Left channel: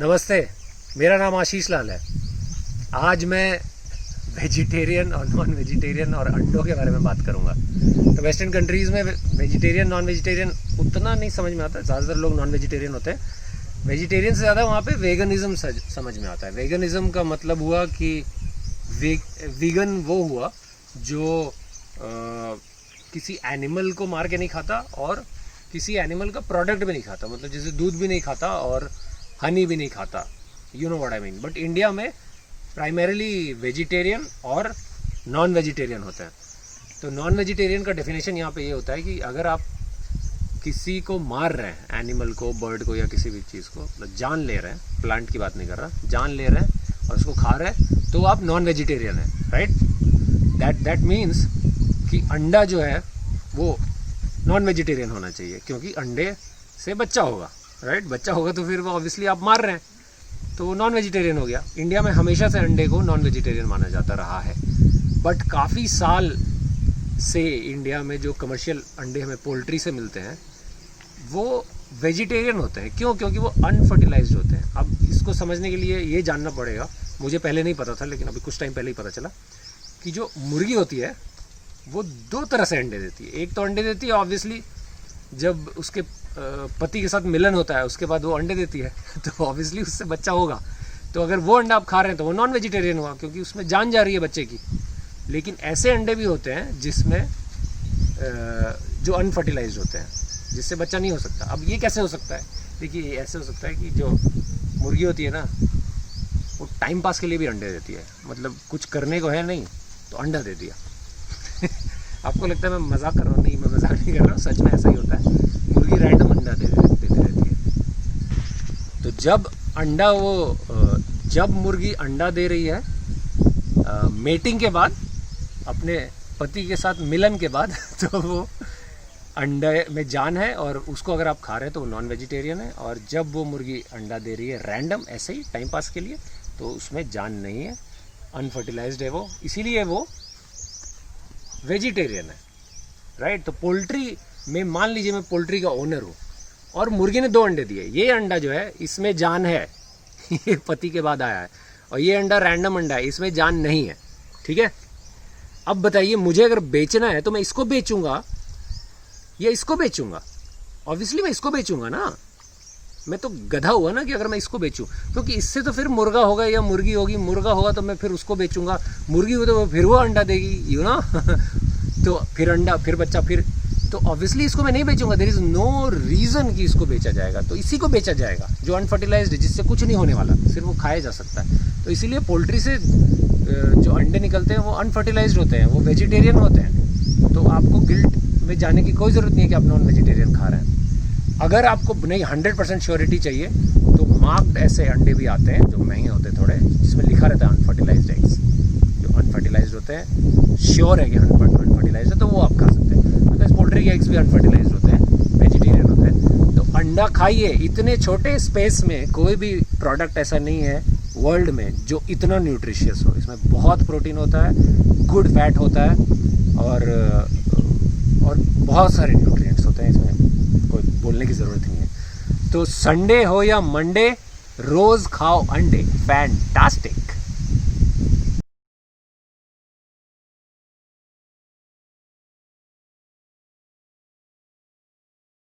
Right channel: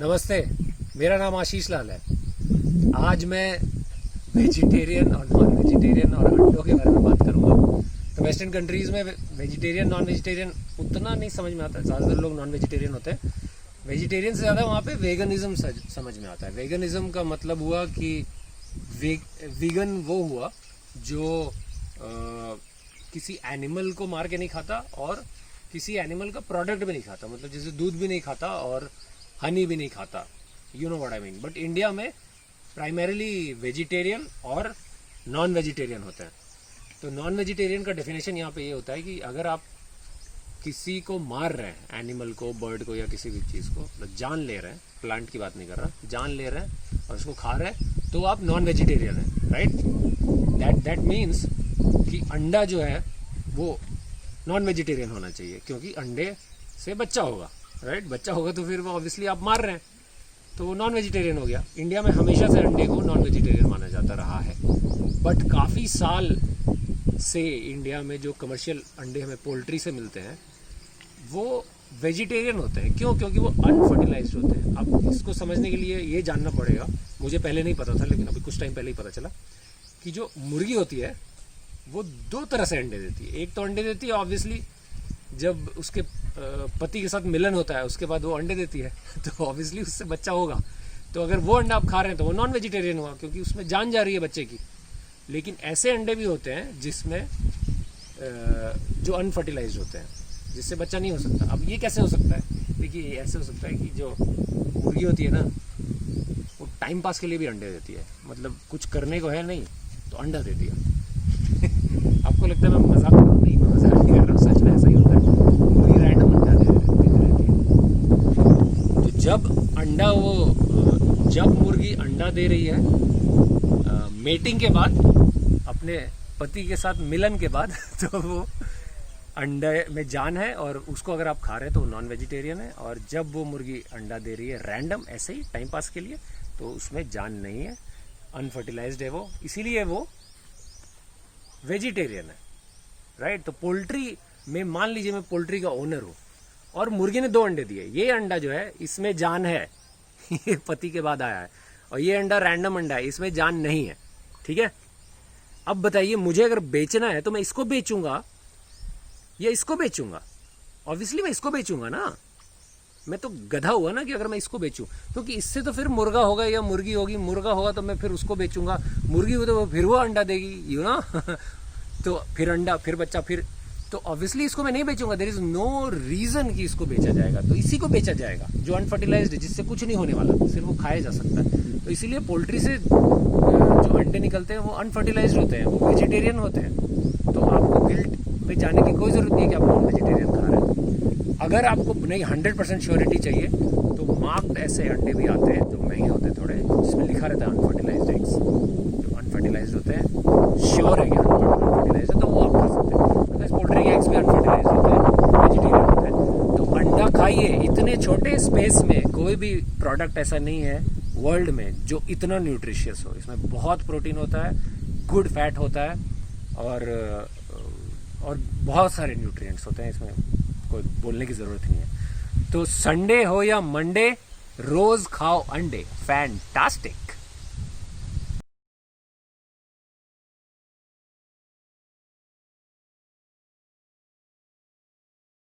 नमस्ते, मेरा नाम आशीष लाल है। आज मैं वेजिटेरियन और नॉन वेजिटेरियन और अंडों के बारे में बात करूंगा। तो वेस्टर्न कंट्रीज़ में वेजिटेरियन नॉन वेजिटेरियन उतना नहीं समझ में आता है, ज़्यादातर लोग नॉन वेजिटेरियन होते हैं। वेजिटेरियन से ज़्यादा वहाँ पे वेगनिज़म समझ में आता है। वेगनिज़म का मतलब हुआ कि वीगन वो हुआ जो किसी एनिमल को मार के नहीं खाता और किसी एनिमल का प्रोडक्ट भी नहीं खाता, मतलब जैसे दूध भी नहीं खाता और हनी भी नहीं खाता, you know what I mean. But India में प्राइमरीली वेजिटेरियन और नॉन वेजिटेरियन होते हैं। तो नॉन वेजिटेरियन का डेफिनेशन यहाँ पे ये होता है कि अगर आप किसी को मार रहे हैं, एनिमल को, बर्ड को या किसी भी चीज़ को, मतलब जान ले रहे हैं, प्लांट की बात नहीं कर रहा, जान ले रहे हैं और उसको खा रहे हैं, तो आप नॉन वेजिटेरियन हैं, राइट। दैट मीन्स कि अंडा जो है वो नॉन वेजिटेरियन होना चाहिए, क्योंकि अंडे से बच्चा होगा, राइट। बच्चा होगा तो फिर वो ऑब्वियसली आप मार रहे हैं, तो वो नॉन वेजिटेरियन हो गया। इंडिया में हमेशा से अंडे को नॉन वेजिटेरियन माना जाता रहा है, बट काफ़ी साल से इंडिया में जो कमर्शियल अंडे हमें पोल्ट्री से मिलते हैं वो वेजिटेरियन होते हैं। क्यों? क्योंकि वो अनफर्टिलाइज्ड होते हैं। अब इसको समझने के लिए ये जानना पड़ेगा, मुझे पहले नहीं पता था लेकिन अभी कुछ टाइम पहले ही पता चला कि जो मुर्गी होती है वो दो तरह से अंडे देती है। एक तो अंडे देती है ऑब्वियसली जब उसके पति के साथ मिलन होता है, उसके बाद वो अंडे देती है तो ऑब्वियसली उससे बच्चा होगा। तो अगर वो अंडा आप खा रहे हैं तो वो नॉन वेजिटेरियन हुआ, क्योंकि उसमें जान जा रही है बच्चे की। लेकिन ऐसे अंडे भी होते हैं जिसमें जो अनफर्टिलाइज्ड होते हैं, जिससे बच्चा नहीं हो सकता। अब ये कैसे हो सकता है? देखिए, ऐसे हो सकता है कि जो मुर्गी होती है ना, वो टाइम पास के लिए भी अंडे देती है, मतलब कुछ करने को है नहीं तो अंडा दे दिया आपको लगता है मैं मजाक कर रहा हूँ? नहीं, मैं मजाक नहीं कर रहा हूँ, सच में ऐसा ही होता है। मुर्गी रैंडम अंडा देती रहती है। तो जब मुर्गी अंडा दे रही है मेटिंग के बाद, अपने पति के साथ मिलन के बाद तो वो अंडे में जान है और उसको अगर आप खा रहे हैं तो वो नॉन वेजिटेरियन है। और जब वो मुर्गी अंडा दे रही है रैंडम ऐसे ही टाइम पास के लिए, तो उसमें जान नहीं है, अनफर्टिलाइज्ड है वो, इसीलिए वो वेजिटेरियन है, राइट। तो पोल्ट्री में मान लीजिए मैं पोल्ट्री का ओनर हूँ और मुर्गी ने 2 अंडे दिए, ये अंडा जो है इसमें जान है ये पति के बाद आया है, और ये अंडा रैंडम अंडा है, इसमें जान नहीं है, ठीक है। अब बताइए, मुझे अगर बेचना है तो मैं इसको बेचूंगा या इसको बेचूंगा? ऑब्वियसली मैं इसको बेचूंगा ना, मैं तो गधा हुआ ना कि अगर मैं इसको बेचूं, क्योंकि इससे तो फिर मुर्गा होगा या मुर्गी होगी, मुर्गा होगा तो मैं फिर उसको बेचूंगा, मुर्गी हो तो फिर वो अंडा देगी, यू नो तो फिर अंडा, फिर बच्चा, फिर तो ऑब्वियसली इसको मैं नहीं बेचूंगा। देयर इज नो रीजन कि इसको बेचा जाएगा, तो इसी को बेचा जाएगा जो अनफर्टिलाइज्ड है, जिससे कुछ नहीं होने वाला, सिर्फ वो खाया जा सकता है। तो इसीलिए पोल्ट्री से जो अंडे निकलते हैं वो अनफर्टिलाइज्ड होते हैं, वो वेजिटेरियन होते हैं। तो आपको गिल्ट में जाने की कोई ज़रूरत नहीं है कि आप नॉन वेजिटेरियन खा रहे हैं। अगर आपको नहीं 100% श्योरिटी चाहिए तो मार्क्ड ऐसे अंडे भी आते हैं जो महंगे होते हैं थोड़े, जिसमें लिखा रहता है अनफर्टिलाइज्ड एग्स। जो अनफर्टिलाइज्ड होते हैं, श्योर है कि अनफर्टिलाइज्ड है, तो वो आप खा सकते हैं। बिकॉज पोल्ट्री के एग्स भी अनफर्टिलाइज्ड होते हैं, वेजिटेरियन होते हैं। तो अंडा खाइए। इतने छोटे स्पेस में कोई भी प्रोडक्ट ऐसा नहीं है वर्ल्ड में जो इतना न्यूट्रिशियस हो। इसमें बहुत प्रोटीन होता है, गुड फैट होता है और बहुत सारे न्यूट्रिएंट्स होते हैं, इसमें कोई बोलने की ज़रूरत नहीं है। तो संडे हो या मंडे, रोज़ खाओ अंडे, फैंटास्टिक।